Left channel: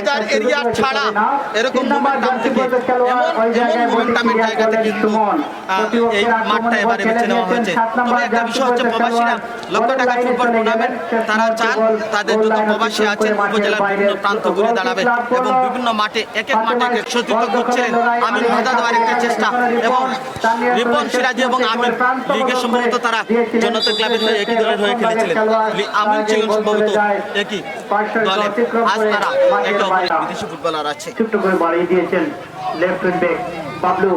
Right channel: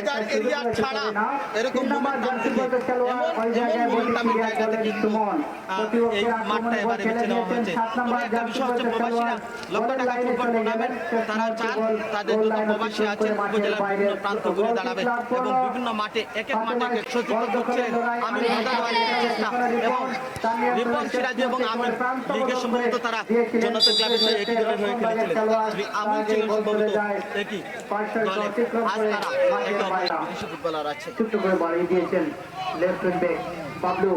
হাজার এরিয়া ছাড়া এরকম মোমেন্টাম থেকে এমন মোমেন্টামের জায়গাতে কিন্তু এই মাঠটা এবারে বেছে নেওয়া হয়েছে। তবে একটা বিষয় হচ্ছে প্রবাসীরা লক্ষ টাকা ফুটবল টুর্নামেন্ট তারা চান তাদের যত প্রবাসী আছেন উপজেলার বিভিন্ন প্রান্ত ঘুরে দাঁড়াবে এবং বিভিন্ন মাঠে এক এক মাঠে সজ্জিত করছিলেন আমির মদা দেওয়ার একটা চেষ্টা এবং রিপন সিরাজি এবং আমির লিগের সম্ভবত তারা জনতা ক্লাবের হয়ে একই দলের হয়ে খেলেছিলেন। আমির ছিলেন সম্ভবত একই দলে। আজ তারা একে অপরের বিদেশি ফুটবলার আছে। ছোট্ট করে বাড়িয়ে দিয়েছেন লেফট উইং ব্যাক বাবলু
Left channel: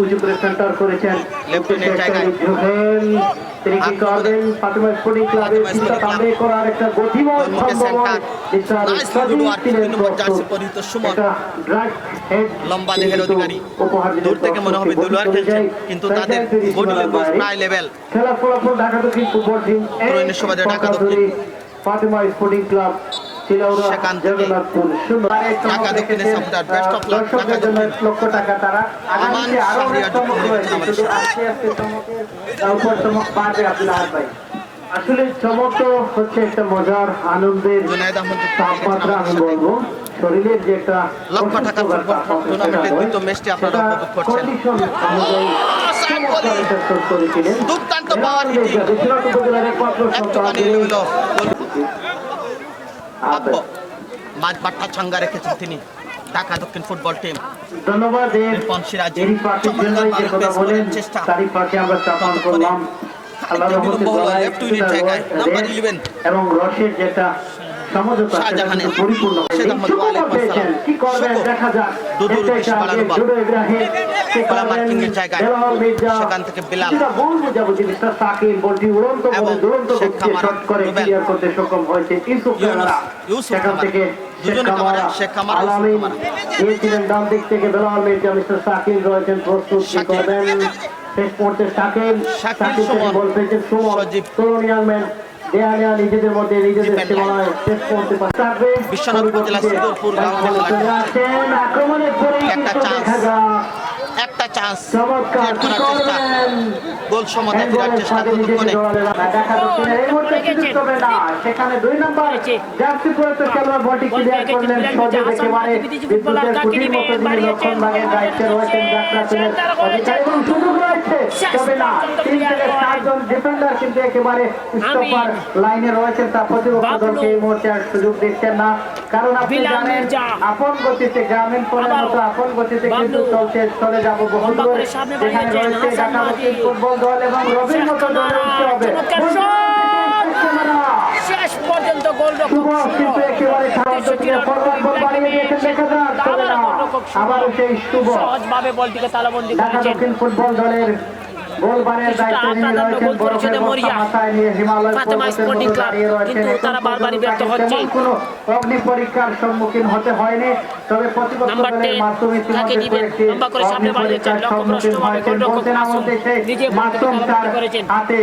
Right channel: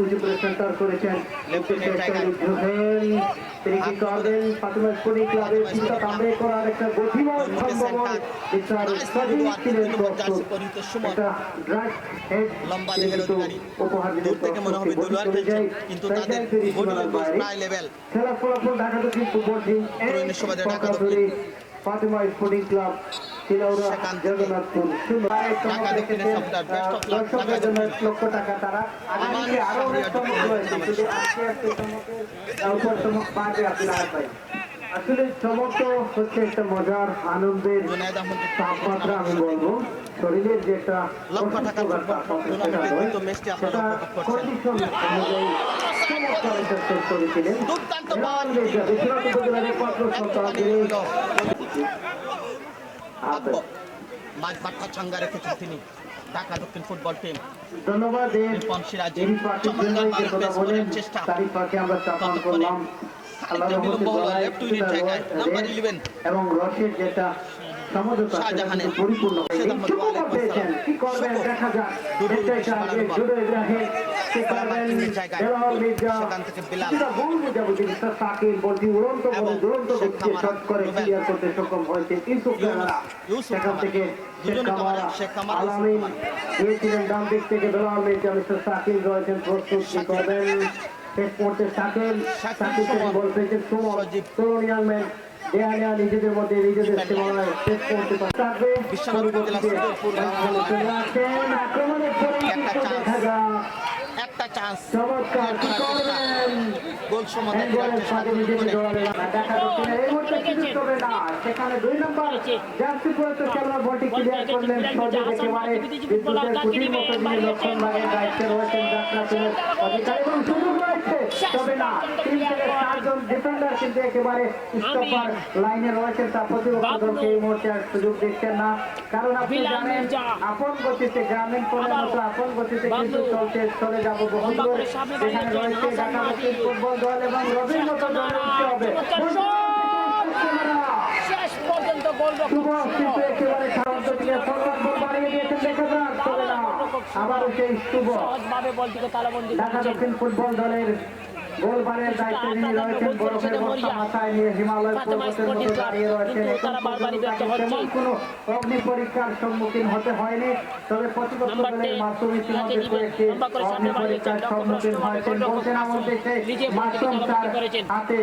উঁচু করে সেন্টার করেছেন লেফট উইংয়ের জায়গায় তিনি কি করবেন ফাতেমা স্পোর্টিং ক্লাবের চিন্তা তামরে করার একটা গতিময় সম্ভাবনা লম্বা দেহের অধিকারী দূর থেকে মনে হবে দুলওয়ার খেলছেন কিন্তু তাদের বডি ল্যাঙ্গুয়েজ প্রায় লেভেল। খেলা ফলাফল ঢাকা দক্ষিণ ফুটবল টিম ঢাকা দক্ষিণ ফাতেমা স্পোর্টিং ক্লাব সেখান থেকে ঢাকা দক্ষিণের supporter best of luck Dhaka দক্ষিণ লক্ষ টাকা তারা আমান শাহরিয়ার আসলে চমক তো হচ্ছে একটা মজার আনন্দের জুনায়েদ আহমেদ তাপমাত্রা আমি বলবো শরীরের যে একটা লক্ষ টাকা ফুটবল টুর্নামেন্টের দ্বিতীয় ম্যাচটি আপনারা উপভোগ করছেন। দুর্দান্ত পাওয়ার মাঝ বাট্টা ছাঙ্গা রেখেছেন তিনি ঢাকা দক্ষিণ ফুটবল টিম। ধন্যবাদ রিপন সিরাজি চেষ্টা এবং রশের যেটা সমঝোতা পরিপূর্ণ কি করবেন দেখা যাক সেখান থেকে বিলাল বলটি উড়ন্ত করে ক্লিয়ার করতে সক্ষম হয়েছে সেখান থেকে ডান দিক থেকে বেলাল মির্জা মিস্টার সাকিব রয়েছেন প্রস্তুত করবেন শেষ মুহূর্তে সাকিব বল পেয়েছেন সুমন তরুণ ইয়াংম্যান নিজেদের মধ্যে নিজেদের সীমানায় শেষ করতে পারবে বিশ্বনাথ উপজেলা সিদ্ধপুর একটা চান্স গোল সমতায় ফেরার চেষ্টা সেখানে 2 নম্বর জার্সি পরে খেলোয়াড় বলটি ক্লিয়ার করলেন সজীব একেবারে বিদ্যুতের কুটির মতো যিনি লক্ষণ ভাগের দায়িত্বে রয়েছেন যাত্রা টিমের অধিকারী এবং সুযোগ রয়েছে তবে না 3 থেকে 7 জন ডিফেন্ডার কিন্তু একেবারে স্টপার লাইনে রয়েছেন তা প্রতিপক্ষ দলকে এই মুহূর্তে আর সুযোগ দিচ্ছেন না কারণ আপনি জানেন আপন গতিতে গ্রামীণ পরের মতো আপন গতিতে কিন্তু চলে যাব বহু দূর এখানে রয়েছে ঢাকা দক্ষিণ ফুটবল দল এবং রবির মতো দল উঠতে হবে শেষ পর্যন্ত গোলরক্ষক কিন্তু একেবারে ফরওয়ার্ড বল বাড়িয়ে দিয়েছেন দেখা যাক তবে না আবারও সেই শুভ সহজভাবে বলটিকে তালাবন্দি ঢাকা দক্ষিণ ফুটবল দলের গোল বাড়িয়ে দায়িত্ব নিয়ে রয়েছেন বড় মাথায় নিয়ে হিমালয় পর্বতের দাঁড়িয়ে রয়েছেন তারা বারবারই ব্যর্থ হচ্ছে কোনো অগ্নি পরীক্ষার সম্মুখীন হতে হয়নি তবে প্রতিপক্ষ দলের মাসুম ইতিমধ্যে লম্বা করে সামনে বাড়িয়েছেন সম্মুখীন হয়েছেন বলতে না বলতে সেই মাসুম তার হাতে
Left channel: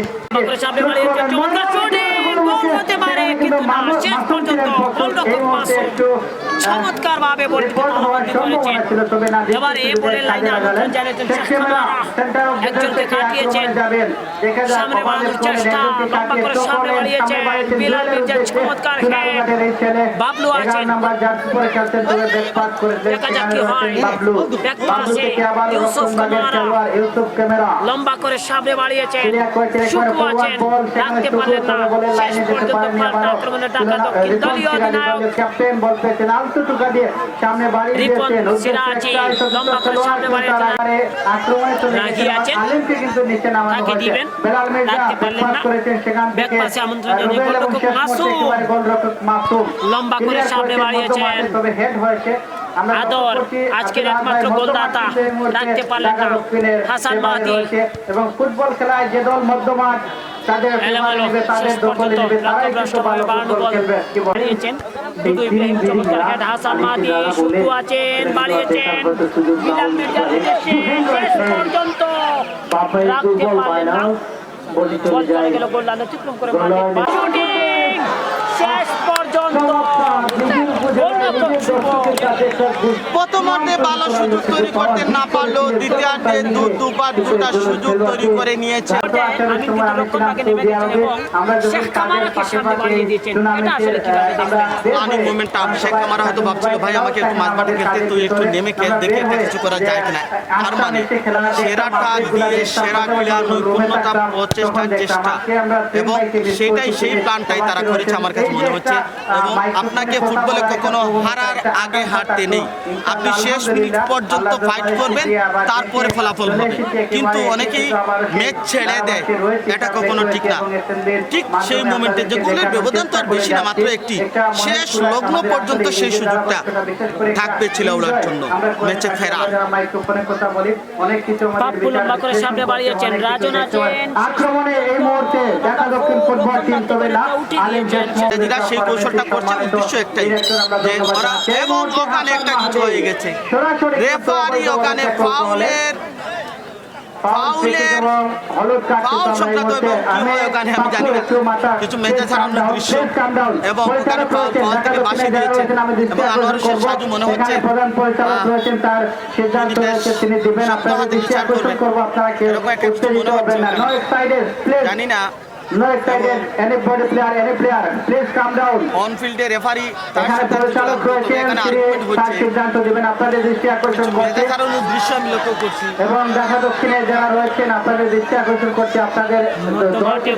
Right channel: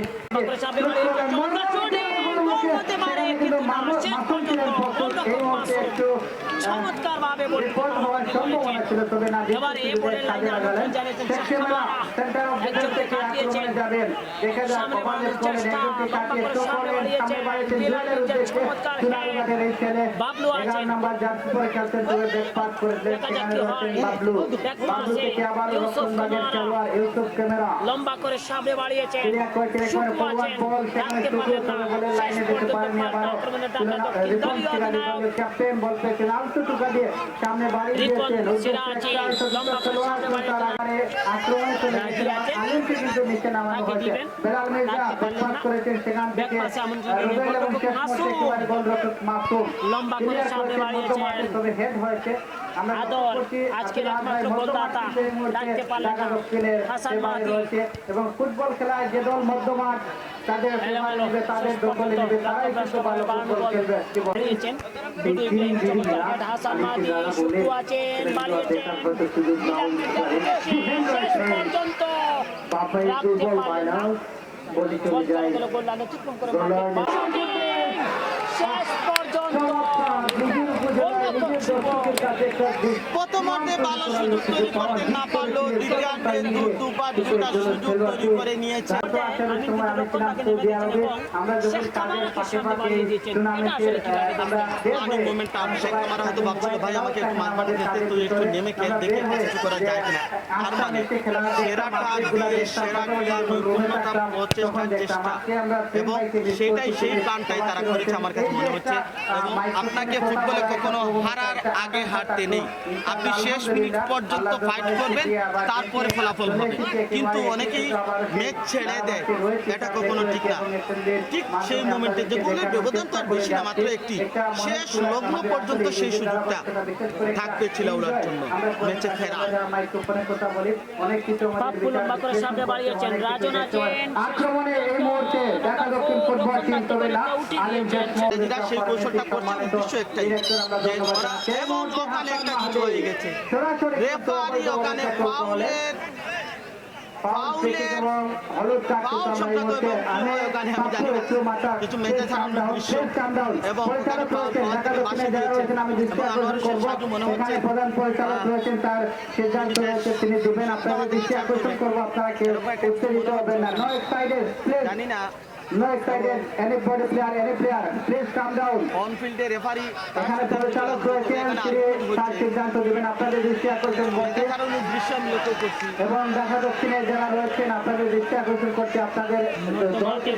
সামনে বাড়িয়েছেন চমৎকার শুটিং গোল হতে পারে কিন্তু শেষ পর্যন্ত গোলরক্ষক মাসুম চমৎকারভাবে বলটি তালাবন্দি করেছেন। এবার এই বলের লাইনে আলোচনা চালিয়েছেন একজনকে কাটিয়েছেন সামনে বাড়ানোর চেষ্টা লম্বা করে সামনে বাড়িয়েছেন বিলাল মির্জা চমৎকার বাবলু আছেন দেখা যাক কি হয় ব্যাকপাসে ইউসুফ ক্যামেরা লম্বা করে সামনে বাড়িয়েছেন শুকু আছেন রাখতে পারলেন না শেষ পর্যন্ত পাল্টা আক্রমণে ঢাকা দক্ষিণ দলীয় অধিনায়ক ক্যাপ্টেন বলতেছেন আলতু টুকা দিয়ে সামনে বাড়িয়ে দিয়েছেন সিরাজি লম্বা করে সামনে বাড়িয়েছেন রাগি আছেন তাকে দিবেন রাখতে পারলেন না ব্যাকপাসে আমন্ত্রণ জানিয়ে গোলরক্ষক মাসুম লম্বা করে সামনে বাড়িয়েছেন আদর আজকের একমাত্র গোলদাতা রাখতে পারলেন না হাসান মাহাদি এবং ফুটবল খেলায় যে দল মধ্যমাঠ তাদের তাদের দখলে নেবে তারাই কিন্তু ভালো ফুটবল খেলবে বাড়িয়েছেন দুটো ইব্রাহিম চমৎকার হেড হাসান মাহাদি শুরু আছেন বাড়িয়েছেন বিলাল মির্জার উদ্দেশ্যে শেষ পর্যন্ত রাখতে পারলেন না বল চলে গেল গোল লাইন অতিক্রম করে শুটিং শেষ পর্যন্ত গোলরক্ষক প্রথমার্ধে ভালো সুযোগ তৈরি করতে না পারলেও দ্বিতীয়ার্ধে দুবার দুটা সুযোগ তৈরি করে নিয়েছে। আমি কিন্তু রক্ষণভাগে নেমে দিয়েছেন এবং শেখ কামারাকে সামনে বাড়িয়ে দিয়েছেন। এটা আসলে কিভাবে দেখবেন? রানিং মোমেন্টটা শেখ কামারা হয়তো ভাবছিল ভাই আমাকে একটু মাঝমাঠে খেলতে, তুই একটু নেমে খেল, দেখে একটা কিছু করা যায় কিনা। তার মানে সেরাটা দিয়ে সেরা প্লেয়ার নৈপুণ্যতা প্রচেষ্টার চেষ্টা, এবং সেটাই সেই প্ল্যানটাই তারা করেছে আমার কাছে মনে হচ্ছে। এবং আপনাকে ফুটবলে কখনো হারার আগে হারতে নেই, আপনি শেষ মিনিট পর্যন্ত ফাইট করবেন, তারপরে ফলাফল হবে। কিন্তু অনেকেই ম্যাচ ছেড়ে দেয়, এটা কখনো ঠিক না। ঠিক সেই মোমেন্টে যে গোলের ব্যবধান তো আর বেশি না, মাত্র একটি, শেষ লগ্ন পর্যন্ত সেই সুযোগটা থাকবে চিলাউড়ার জন্য ম্যাচে ফেরা। পাপ্পু লম্বা করে সামনে বাড়িয়েছেন, রাজন আছেন আক্রমণে এই মুহূর্তে দেখা দক্ষিণ ফুটবল টিম, তবে না আলিম যেটা সেই কৌশলটা করছে, উদ্দেশ্য একটাই যে ওরা, এবং ওখানে একটা কিছু হয়ে গেছে, রেফারি ওখানে ফাউলের ফাউল সংক্রান্ত এবং কি হয় ওখানে আমি জানি না, কিছু মেজাজ হারানোর দৃশ্য, এবং ওখানে ফাউল থেকে বাসিয়ে দিয়েছে। এবং আনোয়ার হোসেন সাজু মনে হচ্ছে জানি না অন ফিল্ডে রেফারি সিদ্ধান্ত দেবেন, আপনাদের দৃষ্টি আকর্ষণ করছে দৃশ্য আমি লক্ষ্য করছি। এবং দেখা দক্ষিণে যারা রয়েছেন আপনাদের দৃষ্টি আকর্ষণ করছে, আপনাদের দলটি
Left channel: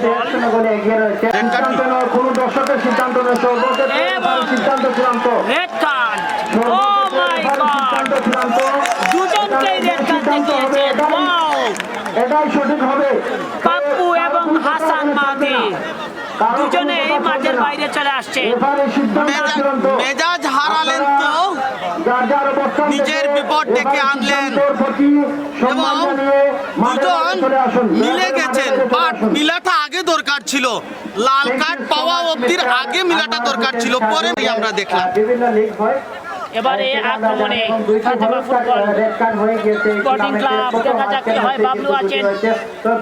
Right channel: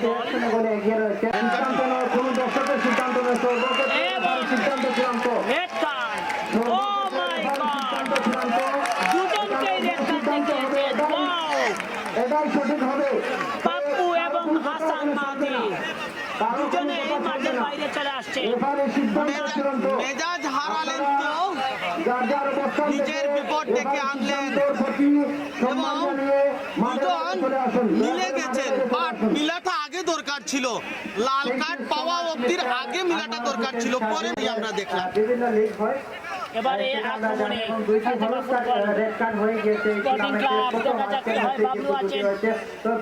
বলে এগিয়ে রয়েছে। সিদ্ধান্ত নেওয়ার কোন দর্শকের সিদ্ধান্ত নয়, সিদ্ধান্ত চূড়ান্ত, সিদ্ধান্ত চূড়ান্ত, এটাই সঠিক হবে। পাপ্পু এবং হাসান মাহদি দুজনে এই মাঠের বাইরে চলে আসছে। মেজাজ হারালেন তো নিজের বিপদ ডেকে আনলেন, এবং দুজন মিলে গেছেন, বাট মিলাটা আগে দরকার ছিল, লাল কার্ড পাওয়া অব্দির আগে মিলাটা দরকার ছিল, পরে আমরা দেখলাম। বিভিন্ন লিগ হয়, এবারে আক্রমণে ফাতেমা ফুটবল স্পোর্টিং ক্লাব দেখা যাক কি হয়। বাবলু আছেন,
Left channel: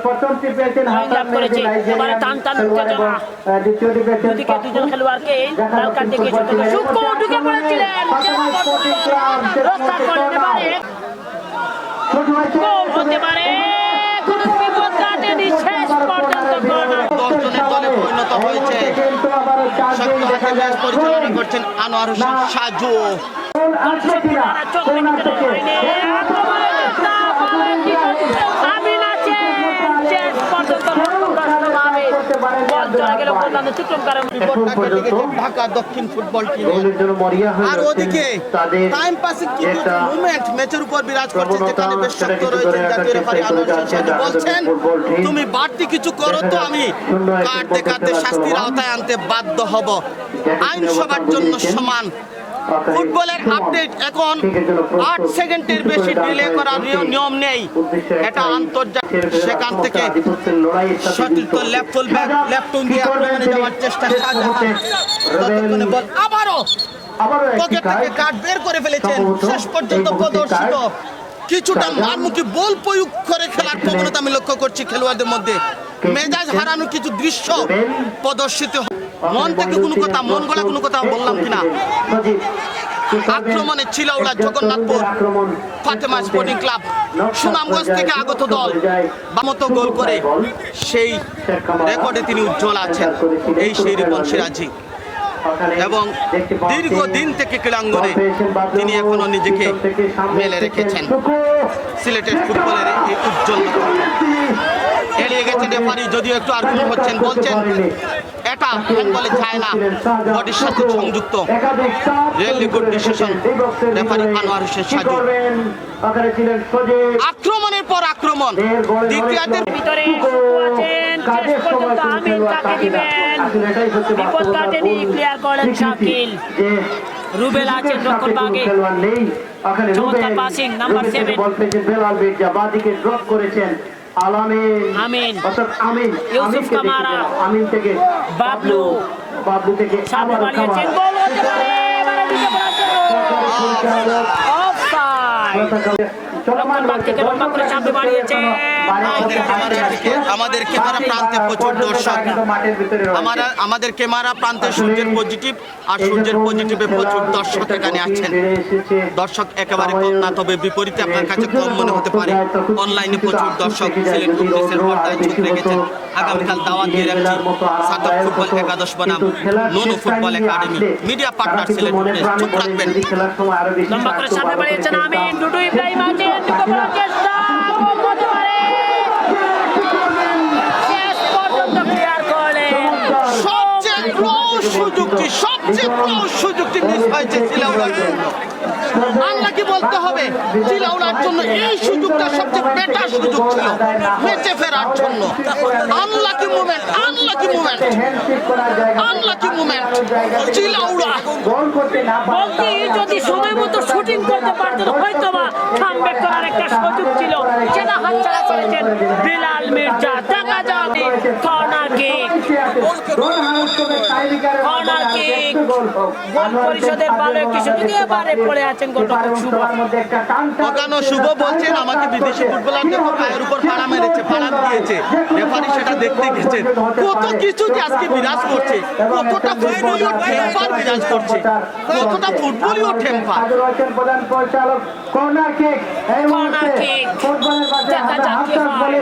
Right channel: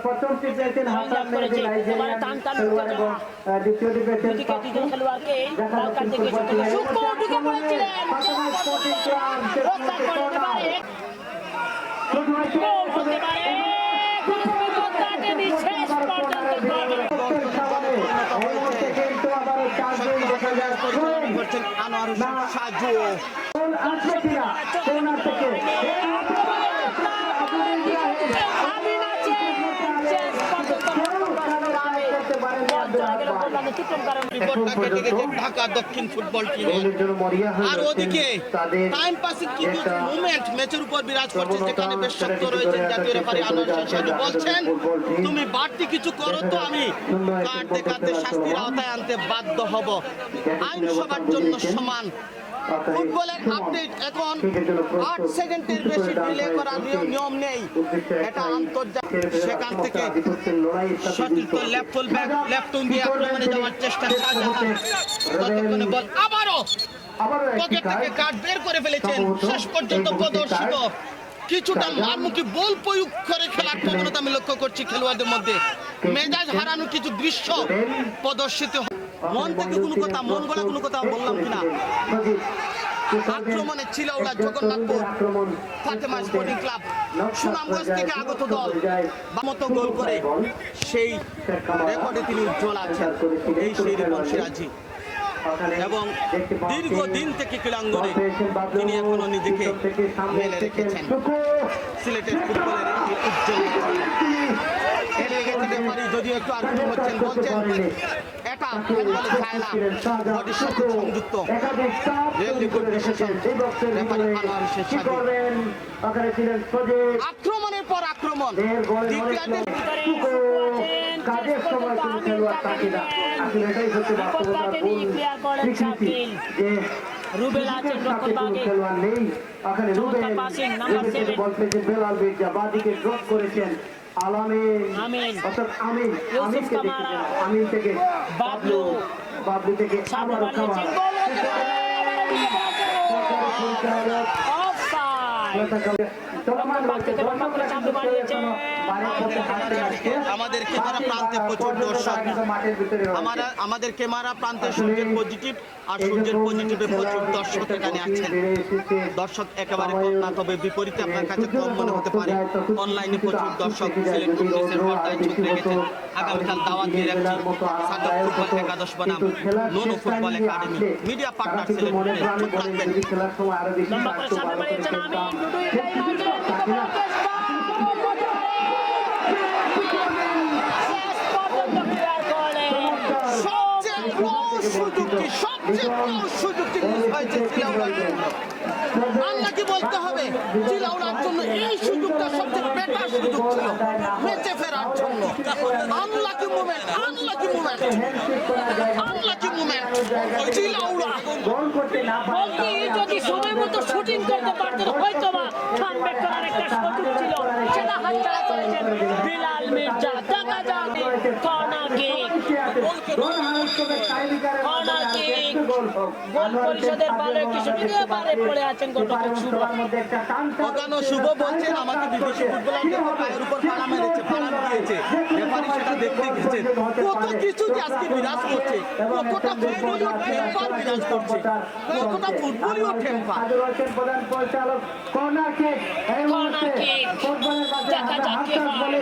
প্রথমটি পেয়েছেন হাসান করেছে, এবারে টান টান উত্তেজনা, দুদিকে দুজন খেলোয়াড়কে লাল কার্ড দেখিয়েছে। সূক্ষ্ম ঢুকে পড়েছিলেন, রক্ষা করলেন, এবারে গোল হতে পারে, কোনো বিপদ কাটেনি, শেষ পর্যন্ত গোল। 10 জনের দলে পরিণত হয়েছে, পরিচালনা করছেন আনোয়ার হোসেন সাজু। ঢাকা দক্ষিণ ফুটবল টিম, আর ওদিকে টাইম পাসিং কিছু মুভমেন্ট ম্যাচের উপর বিরাজ করছে, যেখানে বেশ শক্ত রয়েছেন জাতীয় রেফারি আনোয়ার হোসেন সাজু। বলছেন তুমি বাড়তি কিছু করো তো আমি কাটতে কাটতে শাস্তির আওতায় আনতে বাধ্য হব, আইন সবার জন্য সমান। ফুটবলের আপডেট এখন 8 সেকেন্ডের বেশি ডিলে করার নিয়ম নেই, এটা আন্তর্জাতিক। সেখান থেকে সতীর্থ লেফট দিয়ে আক্রমণে যাওয়ার চেষ্টা, ততক্ষণে বল আবারও পকেট থেকে কার্ড বের করে ফেলেছেন। শেষ পর্যন্ত প্রদর্শিত কিছুটা মারমুখী বল প্রয়োগ করে খেলার প্রবণতা আমি লক্ষ্য করছি খেলোয়াড়দের মধ্যে, মেজাজ হারানোর কিছু দৃশ্য প্রদর্শিত। মন থেকে কোনো কথা, মন গলা কোনো কথা বললাম কিনা। আক্রমণে চিলাউড়া জগন্নাথপুর ফাতেমা স্পোর্টিং ক্লাব সুনামগঞ্জ থেকে আগত দল বামতো গোল করে সেই রেকর্ডে তিনি উজ্জ্বল আছেন, এই সেই রিপন সিরাজি। এবং দীর্ঘদিন থেকে ক্রীড়াঙ্গনে তিনি এখনো নিজেকে মেলে রেখেছেন। সিলেটের ফুটবলের এই উজ্জ্বল এড়িয়ে গেছেন রেফারি, যদিও একটু আর্গুমেন্ট হচ্ছেন, বলছেন এটা বলে যায় না, বডির সাথে সংযুক্ত। Really good decision referee Anwar Hossain Saju. আক্রমণের পর আক্রমণ, দ্বিতীয়ার্ধের ভিতরে আছেন, শেষ পর্যন্ত আমিন কাকে দিবেন, বিপদ কাটেনি, ক্লিয়ার করেন শাকিল। রুবেল আছেন রক্ষণ ভাগে, চমৎকার পাসিং, নাম্বার 7 আমিন, ইউসুফ কামারা, বাবলু সামনে বাড়িয়েছেন, গোল হতে পারে, অফসাইড। চলমান বাগ থেকে লম্বা করে সামনে বাড়িয়েছে আমাদের ক্যামেরা প্রান্তে প্রচুর দর্শক, আমাদের ক্যামেরা প্রান্তে সূর্যের পজিটিভ আর সূর্যের পজিটিভে প্রচুর দর্শক এখানে আছেন। দর্শক একেবারে কম না, তবে বিপরীতে আপনার কাছে কম মনে হতে পারে। অনলাইনে প্রচুর দর্শক সিলেট কংগ্রেসের পর্দায় চোখ রেখেছেন। আগামীকাল দাওয়াত দিয়ে রাখছি সাদক ফুটবল একাদশ বনাম নোনো football academy media partner Sylhet Congress. চোখ রাখবেন। লম্বা করে সামনে বাড়িয়েছেন আমিন, ডুডু ইব্রাহিম আছে, চেষ্টা করতে পারে, শেষ পর্যন্ত ক্লিয়ার করলেন। সবচেয়ে ক্লোজ সুযোগটি মিস হয়েছে চিলাউড়ার জন্য। আল্লাহকে বলতে হবে চিলাউড়ার জন্য এই সুযোগটা সবচেয়ে বেটার সুযোগ ছিল ম্যাচে ফেরার জন্য। আনলাকি মোমেন্ট চিলাউড়া। বলটি যদি সময় মতো শুটিং করতে পারতেন হয়তো বা কামব্যাক করার একটা সুযোগ ছিল, সেটা হাতছাড়া করেছেন বিলাল মির্জা। দেখা যাক কর্নার কিক, গোল পরিষদের ভালো একটি সুযোগ এবারে পড়ে আছেন গোলরক্ষক শুভ। ওখানে শুভ বলছেন আমাকে বিদেশি ফুটবলারদের পায়ের উপর পাড়া মেরেছে, পাড়া দিয়েছে, রেফারি সেটা দেখতে গেছেন। কত কিছু যে আজকে বিরাজ করছে, কতটা ফুটবলীয় টেম্পার বিরাজ করছে, কতটা ফুটবলীয় টেম্পার। কর্নার কিক দেখা যাক কি হয়।